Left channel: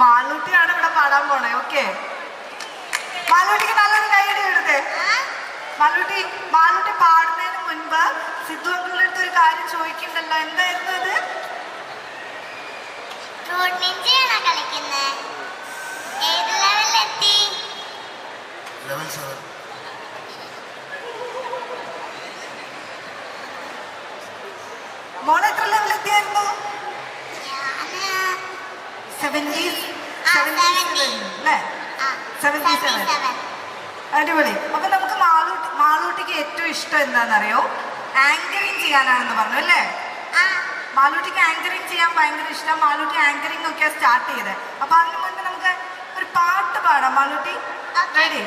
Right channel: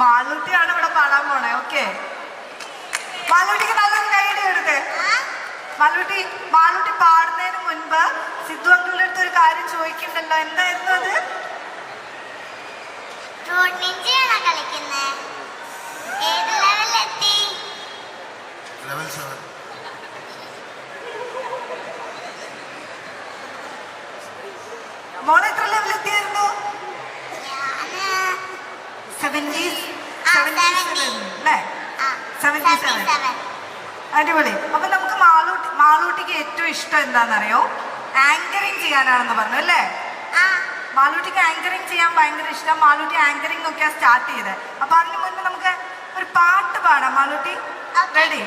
മാളൂട്ടിയാണ് ഇവിടെ പാടാൻ പോണേ. ഓക്കെ, മാളൂട്ടിക്ക് നല്ലൊരു കൈയടി കൊടുത്തേ. മാളൂട്ടി പാടുന്നതിന് മുൻപ് സിദ്ധു അങ്കിളുടെ ഒരു കാര്യം ചോദിക്കണ്ടല്ലോ, എന്തായിരുന്നു അത്? മോൾ എത്ര ലെവലെത്തിയായിരുന്നു? അടിപൊളി. അപ്പൊ നമുക്ക് മാളൂട്ടിക്ക് ഏറ്റവും ഇഷ്ടം എന്താണെന്നറിയോ? ആങ്കറിങ് ചെയ്യാനാണെന്ന് പറഞ്ഞു അല്ലേ? മാളൂട്ടിക്ക് ആങ്കറിങ് ചെയ്യാൻ ഭയങ്കര ഇഷ്ടം. മാളൂട്ടി ആങ്കറിങ് ഒക്കെ സ്റ്റാർട്ട് ചെയ്ത്. അപ്പൊ അതിന് മുൻപ് നമുക്ക് ഒരു പാട്ട് പാടാം. മാളൂട്ടി റെഡി?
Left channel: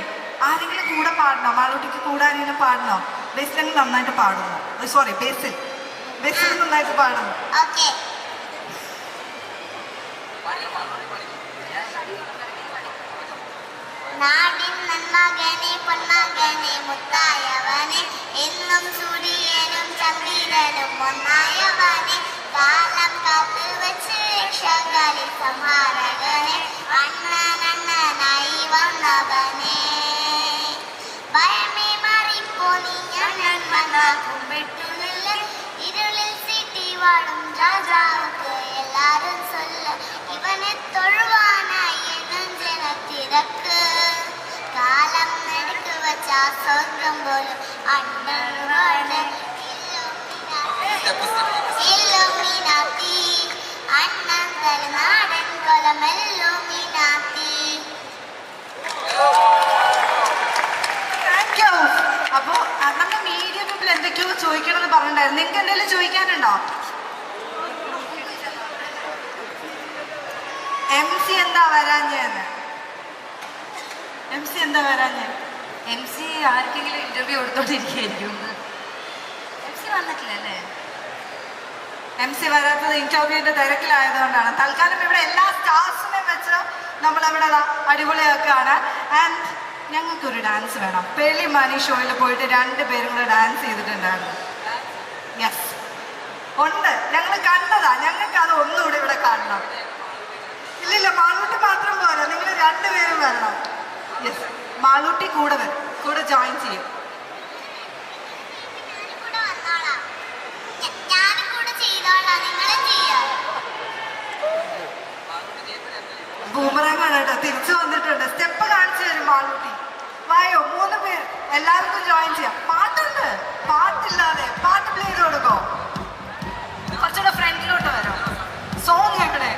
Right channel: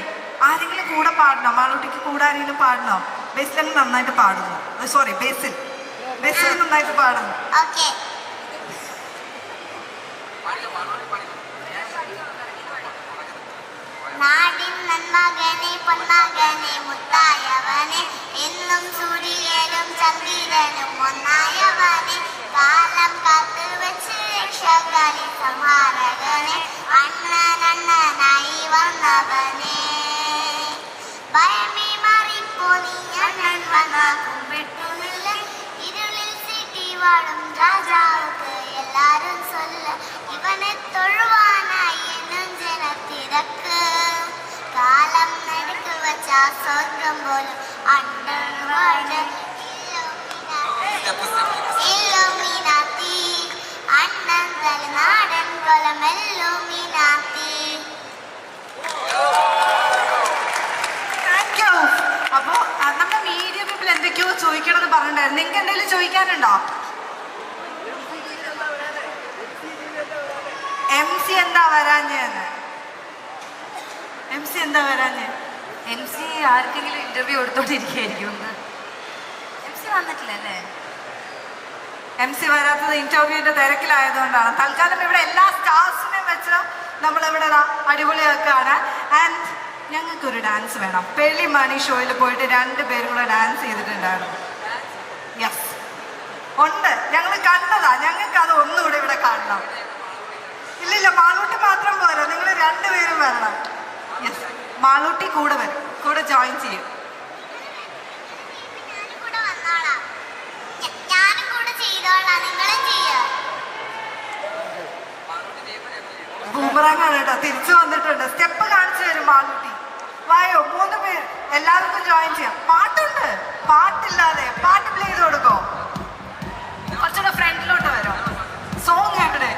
ആരെങ്കിലും കൂടെ പാടണോ? മാളൂട്ടിക്ക് കൂടെ ആരെങ്കിലും പാടണോ? ബേസിൽ നന്നായിട്ട് പാടുന്നു. സോറി, ബേസിൽ നന്നായിട്ട് പാടുന്നു. നാടിൻ നന്മകനെ പൊന്നാകനെ മുത്തായവനെ എന്നും സൂര്യനും ചന്ദ്രനും ഒന്നായവനെ കാലം കാത്തു വെച്ച് രക്ഷകളി സംഹാരകനെ അണ്ണനായി വന്നവനെ ഭയമേ മാറിപ്പോനി ഞാൻ വന്ന കുമ്പിട്ടുമില്ല ഇരുളിൽ സിറ്റി വാടും രാജാവുക്ക് എല്ലാരും சொல்ல ഇവനെ തൊഴുവാനായി നെഞ്ചന തിരക്ക് കാലം നെടുക്ക് വച്ച സ്വർഗം പോലെ അണ്ണനുമാണ് ഇല്ലുമിനാത്തി അണ്ണൻ നാടൻ പോലെ മെല്ലുമിനാത്തി. അപ്പൊ നമ്മുടെ മീഡിയ പീപ്പിൾ എന്തൊക്കെയോ ചോദിക്കണമെന്ന് പറഞ്ഞിട്ടുണ്ടായിരുന്നു. നിങ്ങൾക്ക് എന്തെങ്കിലും ചോദിക്കാനുണ്ടോ? MC എന്താ വരാഞ്ഞ്? MC ആർക്കെങ്കിലും ഇന്റർവ്യൂ കൊടുത്തോണ്ടിരിക്കുകയായിരിക്കും. MC വന്നിട്ടില്ല അല്ലേ? MC വരാത്തത് ഇന്റർവ്യൂവിന്റെ തിരക്കിലായതുകൊണ്ടാണ്. തൽക്കാലം ഇവിടെ എല്ലാ സ്റ്റാഫ്സിനെ വെച്ച് നമ്മളിവിടെ അടിപൊളിയാക്കുകയാണ്. ആൻഡ് ഞങ്ങൾക്കൊരു ഡാൻസ് വേണം. പെളി മണി ഷോയിൽ പോയിട്ട് 2 പേരും കൂടെ ഡാൻസ് ചെയ്തിട്ടുണ്ടായിരുന്നു. യെസ് ഉണ്ട്, ഞങ്ങൾ കണ്ടതാ. ഞങ്ങൾക്ക് അത് ഒന്നുകൂടെ ഇവിടെ കാണണം. ഇല്ലില്ല, മാളൂട്ടി മാത്രം പോരാ, നിങ്ങൾ 2 പേരും വരണം. യെസ്, മാളൂട്ടി കൂടെ വരും, കൂടെ ജോയിൻ ചെയ്യും. ബൂമറാങ്ങാണ് കേട്ടോ, തിരിച്ചു വന്നിട്ടുണ്ട്. സ്റ്റെപ്പ് കാണിച്ചു തരും മാളൂട്ടി. വായോ, 3 പേർ എല്ലാവർക്കും ജോയിൻ ചെയ്യാം. പാട്ടുണ്ട്, പാട്ടില്ലാതെ പാട്ട് പ്ലേ ചെയ്ത് കൊടുക്കോ? കുറച്ചുകൂടെ ഫ്രണ്ടിലോട്ട് വരും. സോങ് എവിടെ?